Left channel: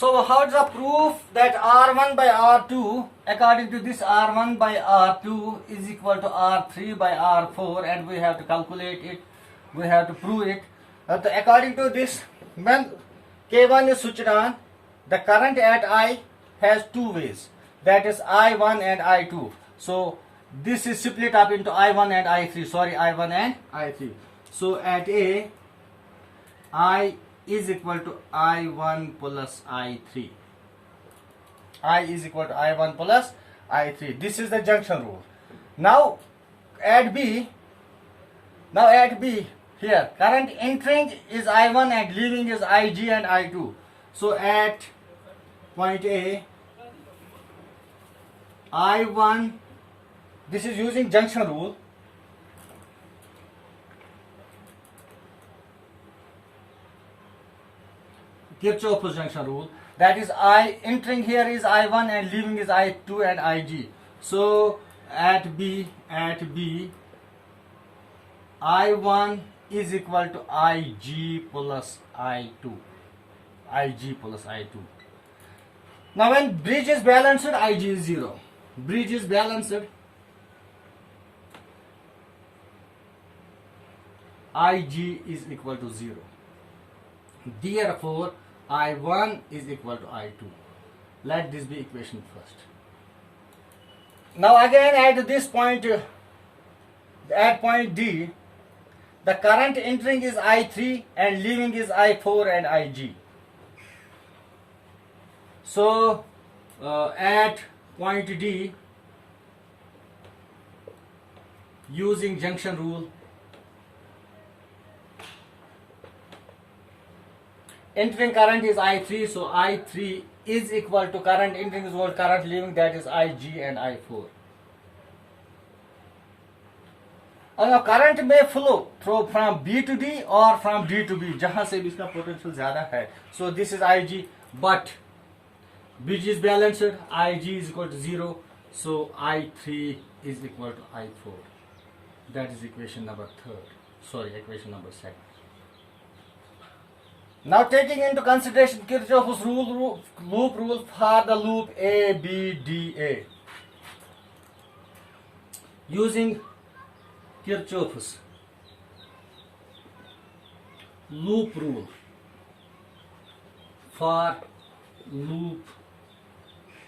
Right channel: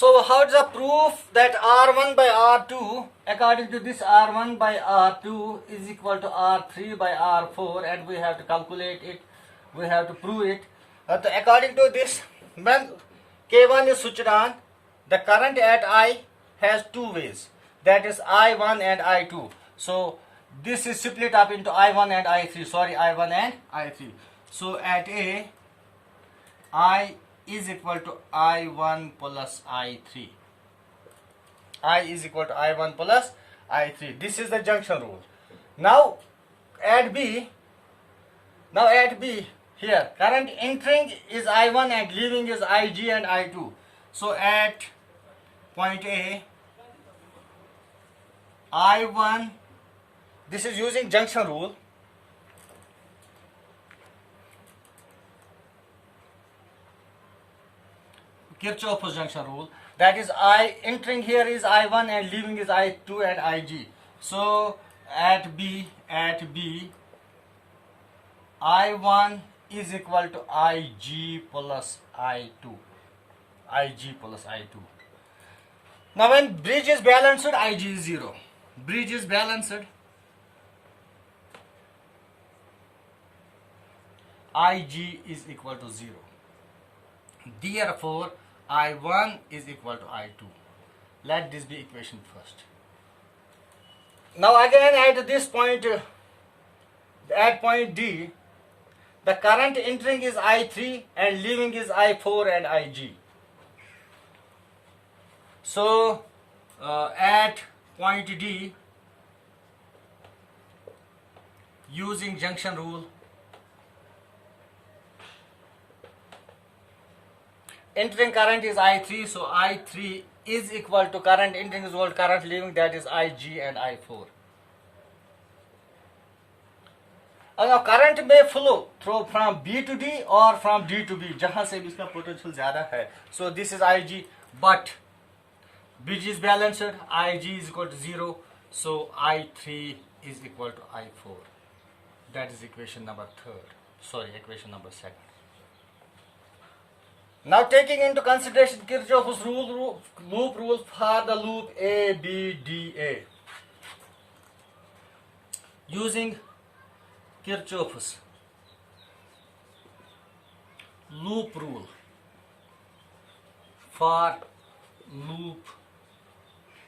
So how is the proof that R1 by R2, according to this R1 by R2 is equal to R3 by R4, and we have to calculate it, we have to prove it. According to this, when K1 is switched on, the current at I has two ways, that is I1 and I2. So this is split up into I1 and I3, I1 and I3. So at A, I is equal to I1 plus I3. I is equal to I1 plus I3. This is the junction rule. Now at B, here current entering is I1 and leaving is IG and I2. So at point A, I1, this is using junction rule. Kirchhoff's junction rule. That is, I entering here is I1 and leaving is I2 and IG. So at B, I1 is equal to IG plus I2. Now when bridge is balanced, IG is 0. Bridge is balanced, IG is equal to 0. Therefore, I1 is equal to I2. Let this be equation first. Now again at this point, at point D, the current entering is I3 and leaving is I4 and IG. So at point D, using junction rule, entering current is I3, so I3 is equal to current entering is equal to current leaving, that is IG and I4. And now current may flow from B to D or from D to B, जहाँ से भी इसका potential ज़्यादा है. So this is IG, but bridge is balanced, IG is equal to 0, so I3 is equal to I4. That is equation number 2. Now taking into consideration Kirchhoff's loop rule for the loop ABDA. Using Kirchhoff's loop rule for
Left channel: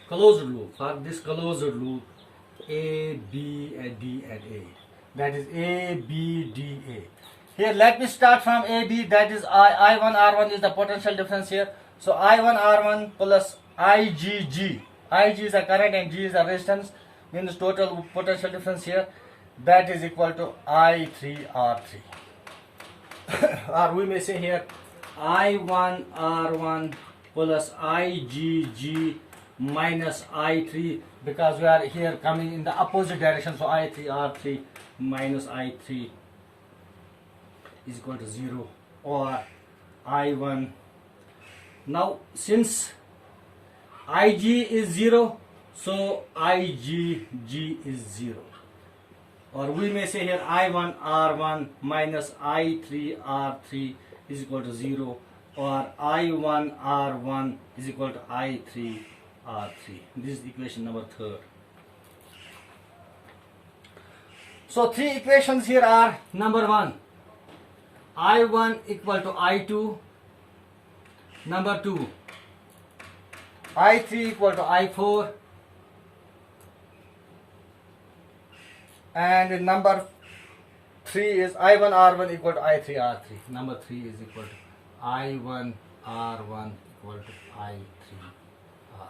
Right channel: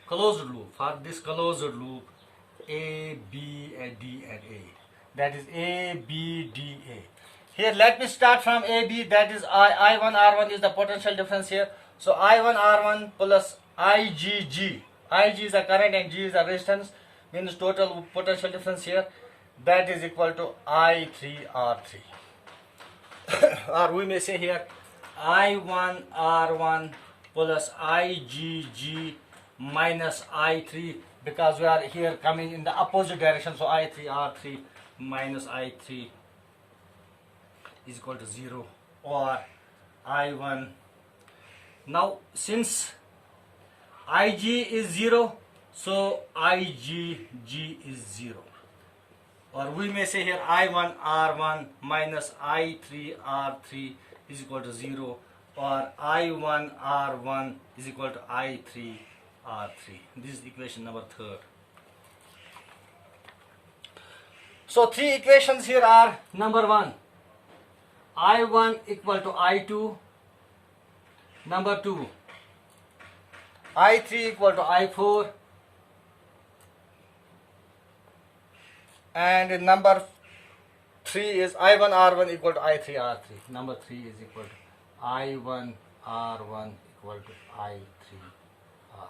closed loop A, B, and D and A. That is ABDA. Here let me start from AB, that is I1 R1 is the potential difference here. So I1 R1 plus IgG. Ig is the current and G is the resistance, means total potential difference here. That is equal to I3 R3. Or we may say here I1 R1 plus IgG minus I3, because we are here coming in the opposite direction. So I3 R3 minus I3 is equal to 0, or I1. Now since Ig is 0, so IgG is 0. Or we may say here I1 R1 minus I3 R3 is equal to 0, or I1 R1 is equal to I3 R3. This is equation number 3. So three equations here are: number 1, I1 equal to I2. Number 2, I3 equal to I4. And number 3 is I1 R1 equal to I3 R3. Number 3 is equal to I1 R1 equal to I3 R3.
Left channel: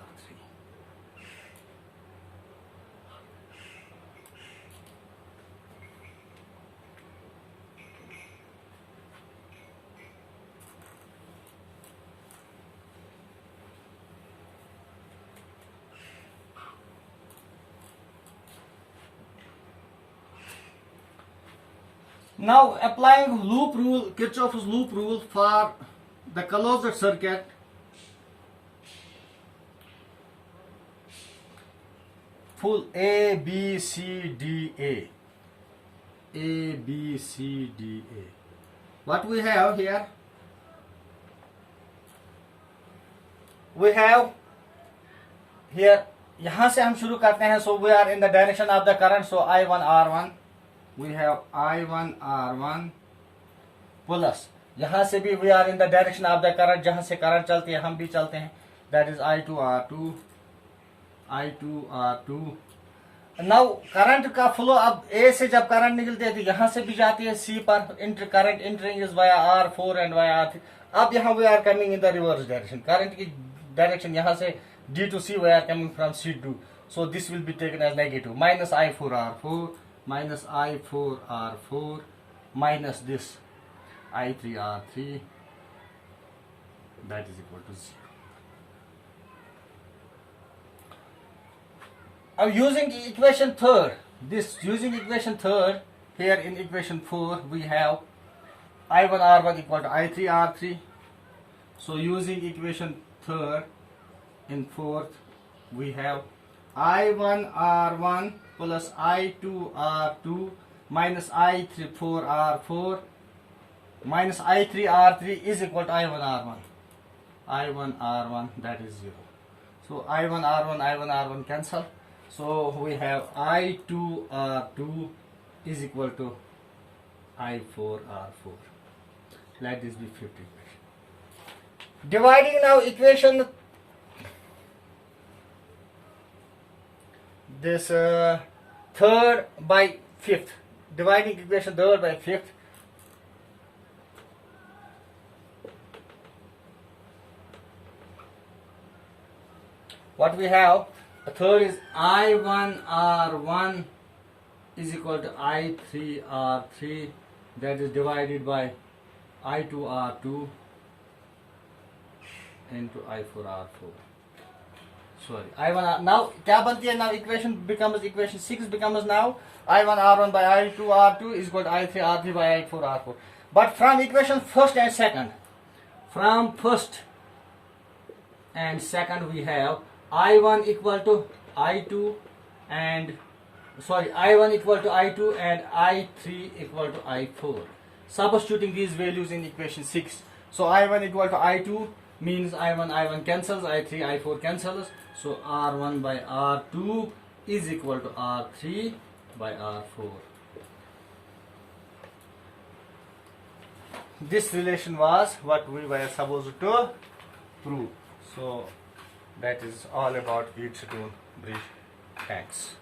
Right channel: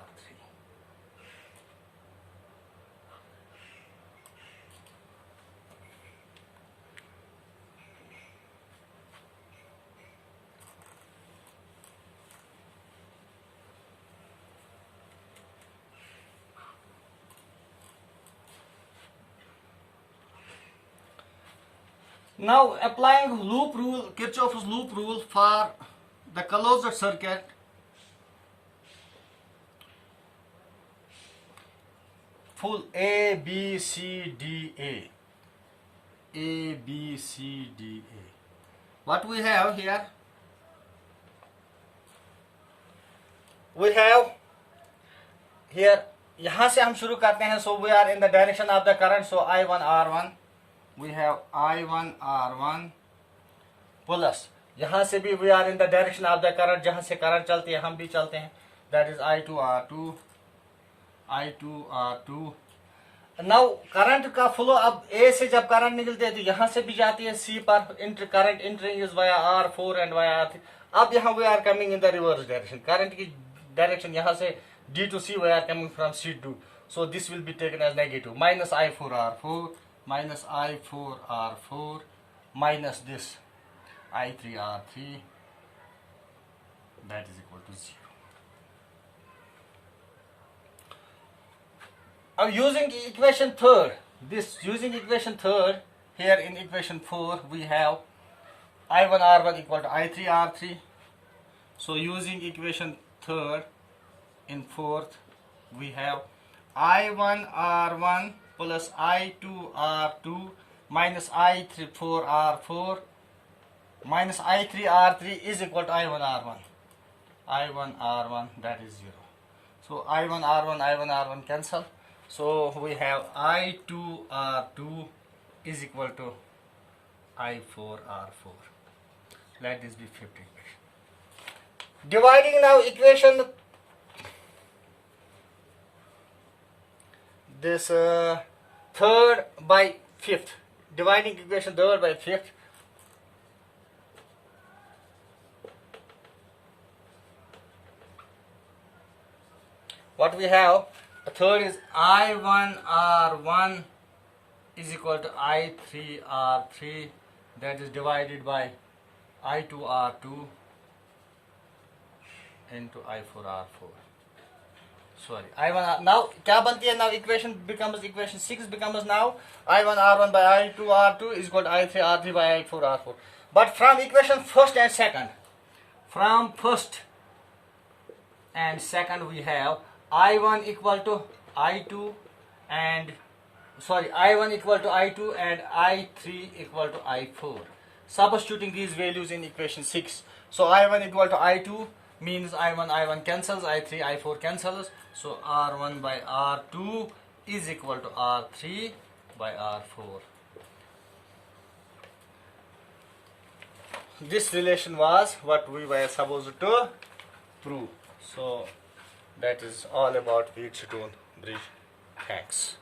Now applying loop rule, Kirchhoff's loop rule for the closed circuit, full A, B, C, D, A. A, B, C, D, A. What we have here? we have here, यहाँ से हम शुरू करते हैं. So we are in the direction of the current. So I1 R1, we have I1 R1 plus यहाँ से भी we are in the direction of the current, जहाँ से करंट चलती है हम भी चलते हैं. That is I2 R2, I2 R2. Now current का फ्लो, अब A से जब करंट निकलती है तो यहाँ से भी जाती है C पर. Current entering is via R4 and via R3. अब यहाँ we are coming in the reverse direction. Current की डायरेक्शन यहाँ से D to C, we are coming from C to. So this will be taken as negative. Minus I4 R4, minus I4 R4, minus this I3 R3. That is equal to 0. Now using equation third, here in equation 4 we have I1 R1 equal to I3 R3. So using equation third in fourth we have I1 R1 plus I2 R2 minus I3 4 R4 minus I3 R3 is equal to I1 R1. I1 R1, that is 0. So I1 R1 cancel. So we have I2 R2 is equal to I4 R4. Let this be 50 equation. Dividing now equation this third by fifth. Dividing equation third by fifth. What we have? The third is I1 R1 is equal to I3 R3, that is divided by I2 R2 into I4 R4. Sorry, I1 R, now क्या बनती है? Now equation 6 becomes now I1 R1 by I2 R2 is equal to I3 R3 by I4 R4. But from equation first and second we have I1 equal to I2 and I1 equal to I2 and I3 equal to I4. Substituting these values in equation 6. So I1 equal to I2 means I1 cancels, I3 I4 cancels. So R1 by R2 is equal to R3 by R4. This relation was what we were supposed to prove. So that is all about Wheatstone bridge. Thanks.